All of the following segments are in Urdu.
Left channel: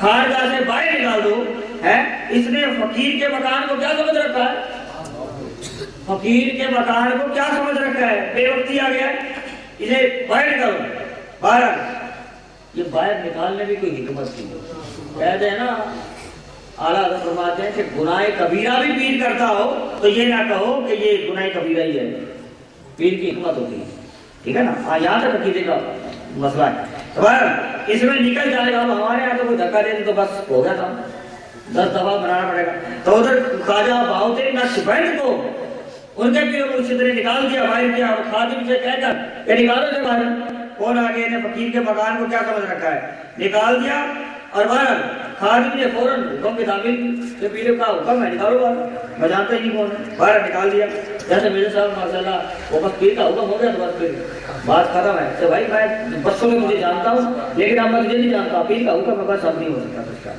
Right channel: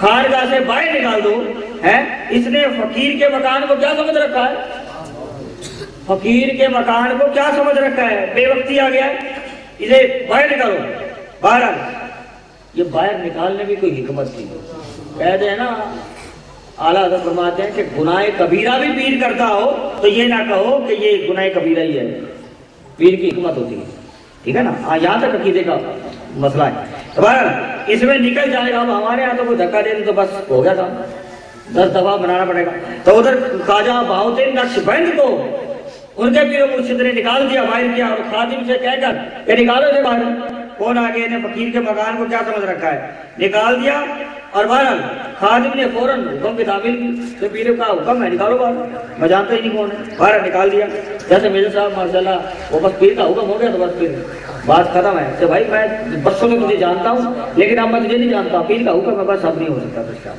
خارجہ سے باہر نکال دو ہے. اس نے فقیر کے مکان کو کیا سمجھ رکھا ہے؟ فقیر کے مکان کو کیا سمجھ رکھا ہے؟ بے وقتی آ گیا ہے، اسے باہر نکالو. باہر یہ باہر نکالنے بھی کوئی حکمت تھی. کہتے ہیں نا اعلیٰ حضرت فرماتے ہیں کہ گناہ کبیرہ بھی پیر کرتا ہو تو یہ نہ کہو کہ یہ گناہ کبیرہ ہی ہے. پیر کی حکمت ہوتی ہے، ٹھیک ہے نا. یہاں تک عقیدے کا مسئلہ ہے. اس میں نکل جائے گا. ہمارے یہاں تو کوئی دھکا دے دے تو بس ہو گیا تھا، 10 دفعہ بنانا پڑے گا. تو ادھر خواجہ بہاؤالدین نقشبند کو ان کے پیر و مرشد نے نکال دیا، باہر کیا، اور خادم سے کہہ کر کہ نکالو اسے باہر. کون آگے نے فقیر کے مکان کو کیا سمجھ رکھا ہے؟ نکال دیا. اور بہرحال خادم نے فوراً حکم کی تعمیل کی، پیر کا حکم ہے نکالو باہر، میں جانتا ہی نہیں کون ہے. باہر نکال دیا. جیسے میرے صاحب ماشاءاللہ وہ بس پیر کا حکم ہو گیا تو بس پھر بات ختم ہے. کہ بھائی میں برسوں سے تجھے جانتا ہوں لیکن اب میں تجھے نہیں جانتا، پیر کا حکم ہے بس، اب نہیں ہو سکتا کچھ کا.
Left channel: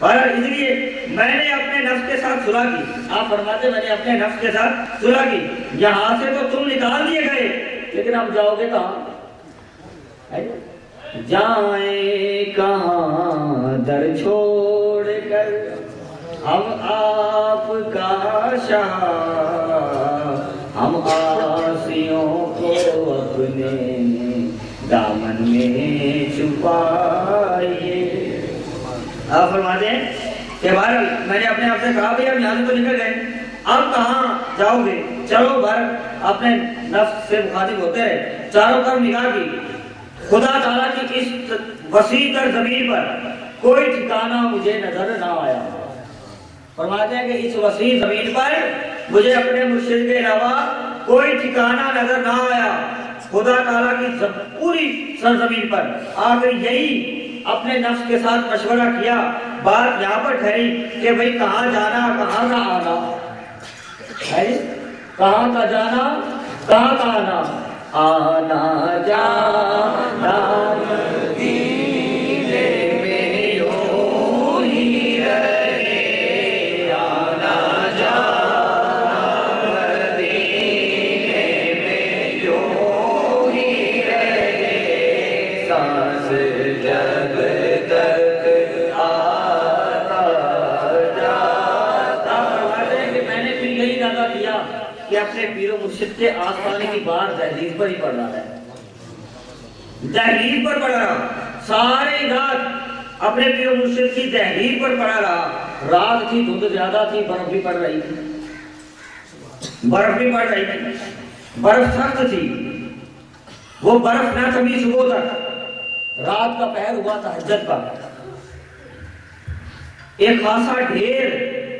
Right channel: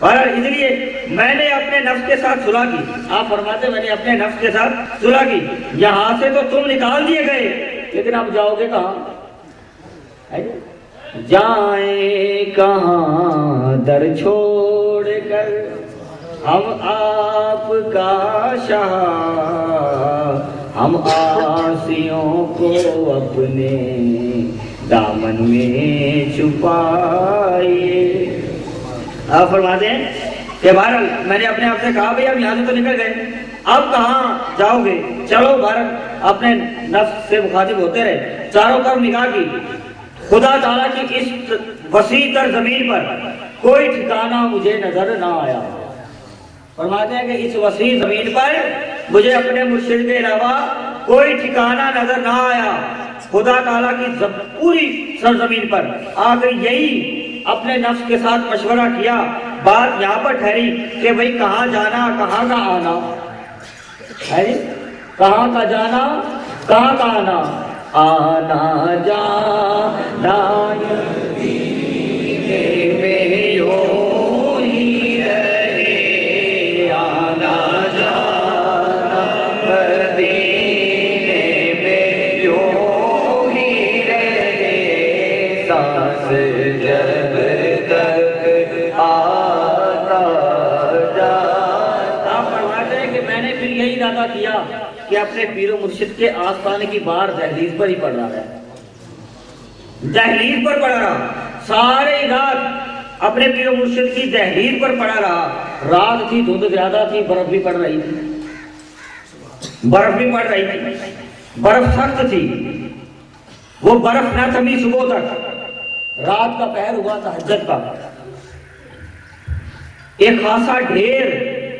بہرحال اس لیے میں نے اپنے نفس کے ساتھ صلح کی. آپ فرماتے میں نے اپنے نفس کے ساتھ صلح کی. یہاں سے تو تم نکال دیے گئے لیکن اب جاؤ گے کہاں؟ جائیں کہاں در چھوڑ کر ہم آپ کا شاہ، ہم آسیوں کو اپنے دامن میں چھپائیے. آپ فرماتے ہیں کہ بہرحال میں نے اپنے آپ سے کہا بھئی اب یہاں سے تو نکل گئے، اب کہاں جاؤ گے؟ چلو بہرحال اپنے نفس سے مخاطب ہوتے رہے. چاروں طرف نگاہ کی. خدا تعالیٰ کی اس وسیع تر زمین پر کوئی ٹھکانہ مجھے نظر نہ آیا. فرماتے ہیں کہ اس وسیع زمین پر مجھے اپنے مرشد کے علاوہ کوئی ٹھکانہ نظر نہ آیا. خدا تعالیٰ کی پوری سرزمین پر آ کر یہی اپنے نفس کے ساتھ مشورہ کیا. بات یہاں پر ٹھہری کہ بھئی کہاں جانا کہاں کا آنا ہے، کہاں کا جانا کہاں کا آنا. آنا جانا مدینے میں یوں ہی رہے، آنا جانا مدینے میں یوں ہی رہے، سانس جب تک آتا جاتا. فرماتے ہیں کہ میں نے پھر یہی ارادہ کیا کہ اپنے پیر و مرشد کے آستانے کی بار دہلیز پر ہی پڑھ رہا ہے، دہلیز پر پڑھ رہا. سارے رات اپنے پیر و مرشد کی دہلیز پر پڑھا رہا. رات تھی، دھند زیادہ تھی، برف بھی پڑ رہی تھی، برف بھی پڑ رہی تھی، برف سخت تھی. وہ برف نہ تھمی صبح تک. رات کا پہر ہوا تہجد کا. ایک خاصا ڈھیر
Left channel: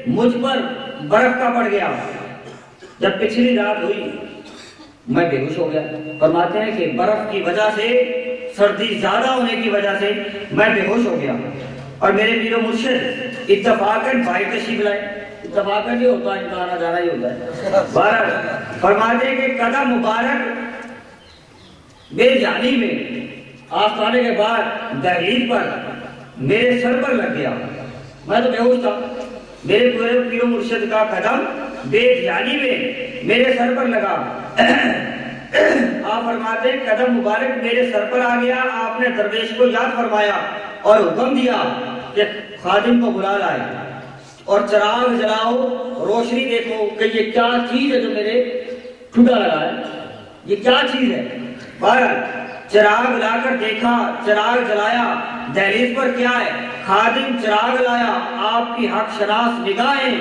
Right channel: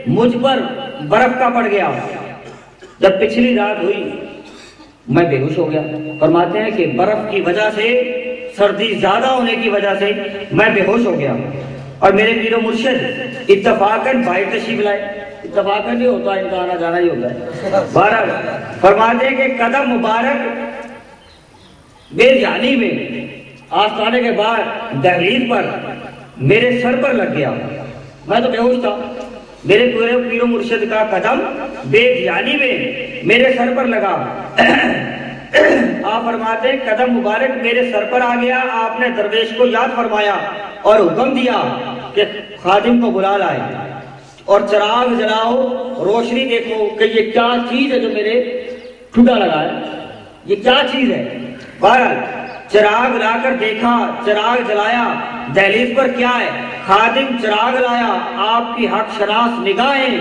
مجھ پر برف کا پڑ گیا. جب پچھلی رات ہوئی میں بے ہوش ہو گیا. فرماتے ہیں کہ برف کی وجہ سے، سردی زیادہ ہونے کی وجہ سے میں بے ہوش ہو گیا. اور میرے پیر و مرشد اتفاقاً باہر تشریف لائے. اتفاقاً یہ ہوتا ہے، ان کا آنا جانا ہی ہوتا ہے. بہرحال فرماتے ہیں کہ قدم مبارک بے جانی میں آستانے کے بعد دہلیز پر میرے سر پر لگ گیا. میں تو بے ہوش تھا. میرے پورے پیر و مرشد کا قدم بے جانی میں میرے سر پر لگا. آپ فرماتے ہیں قدم مبارک میرے سر پر آ گیا. آپ نے درویش کو یاد فرمایا اور حکم دیا کہ خادم کو بلا لائے اور چراغ جلاؤ، روشنی دیکھو کہ یہ کیا چیز ہے جو میرے ٹھڈا لگا ہے، یہ کیا چیز ہے. بہرحال چراغ لا کر دیکھا، چراغ جلایا. دہلیز پر کیا ہے؟ خادم چراغ لایا. آپ کی حق شناس نگاہیں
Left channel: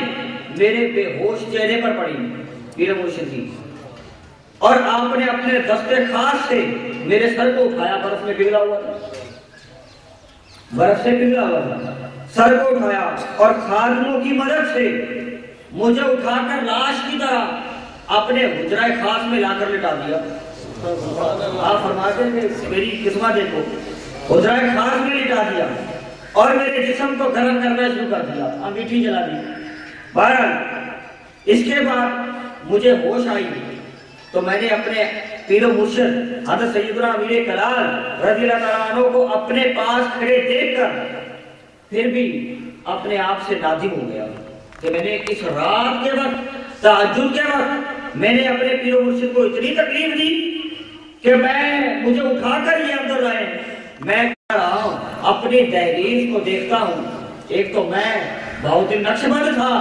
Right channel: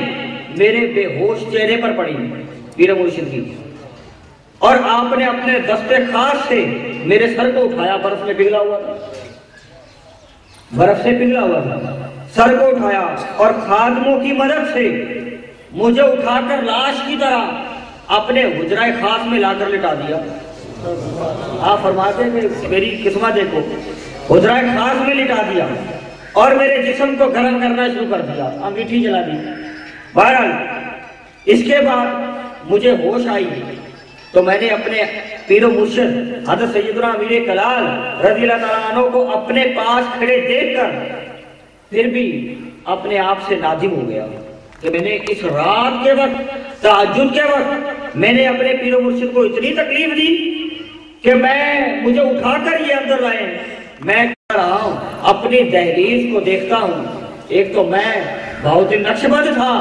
میرے بے ہوش چہرے پر پڑی پیر مرشد کی، اور آپ نے اپنے دستے خاص سے میرے سر کو اٹھایا. برف میں پگھلا ہوا تھا، برف سے پگھلا ہوا تھا. سر کو اٹھایا اور خادموں کی مدد سے مجھے اٹھا کر لاش کی طرح اپنے حجرہ خاص میں لا کر لٹا دیا. آپ فرماتے ہیں کہ میری قسمت دیکھو، حجرہ خاص میں لٹا دیا اور میرے جسم کو گرم کرنا شروع کر دیا، انگیٹھی جلا دی. بہرحال اس کے بعد مجھے ہوش آئی تو میں نے اپنے پیر و مرشد حضرت سیدنا امیر کلال رضی اللہ تعالیٰ عنہ کو اپنے پاس کھڑے دیکھ کر پھر بھی اپنے آپ سے نادم ہو گیا کہ میں نے اس رات کے وقت، تہجد کے وقت میں نے اپنے پیر و مرشد کو اتنی تکلیف دی کہ مجھے اٹھا کر یہ اندر لائے. میں کہہ رہا ہوں اپنی دہلیز کو دیکھتا ہوں، ایک تو میں بہت ہی نقشبند تھا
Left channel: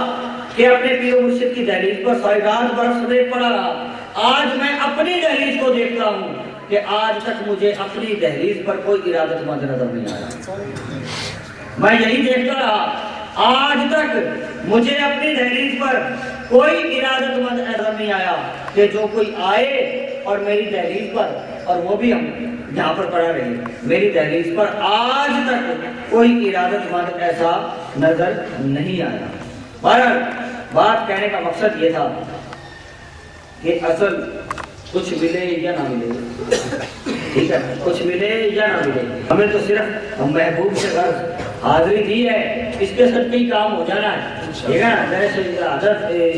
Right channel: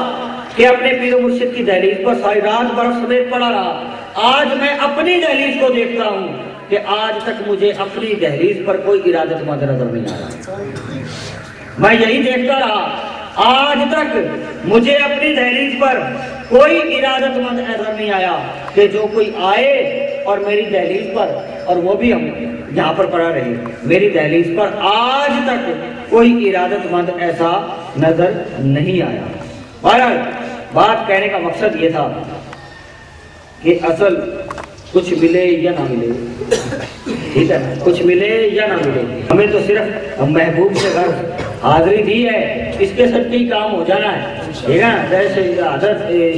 کہ اپنے پیر و مرشد کی دہلیز پر ساری رات برف سمیت پڑا رہا، آج میں اپنی دہلیز کو دیکھتا ہوں کہ آج تک مجھے اپنی دہلیز پر کوئی ارادت مند نظر نہیں آیا۔ میں یہی دیکھتا رہا، آج تک مجھے اپنی دہلیز پر کوئی ارادت مند نظر نہیں آیا کہ جو کوئی آئے اور میری دہلیز پر، اور وہ بھی ہم یہاں پر پڑا رہے، میری دہلیز پر آج تک کوئی ارادت مند ایسا نظر نہیں آیا۔ بہرحال بات کہنے کا مقصد یہ تھا کہ اصل کچھ ملے یا نہ ملے، ٹھیک ہے، کچھ ملے یا نہ ملے، ہمیں تو صرف محبوب سے غرض حاضری دی ہے، اس کے ساتھ کئی کام ہو جانا ہے، ٹھیک ہے نا، جیسے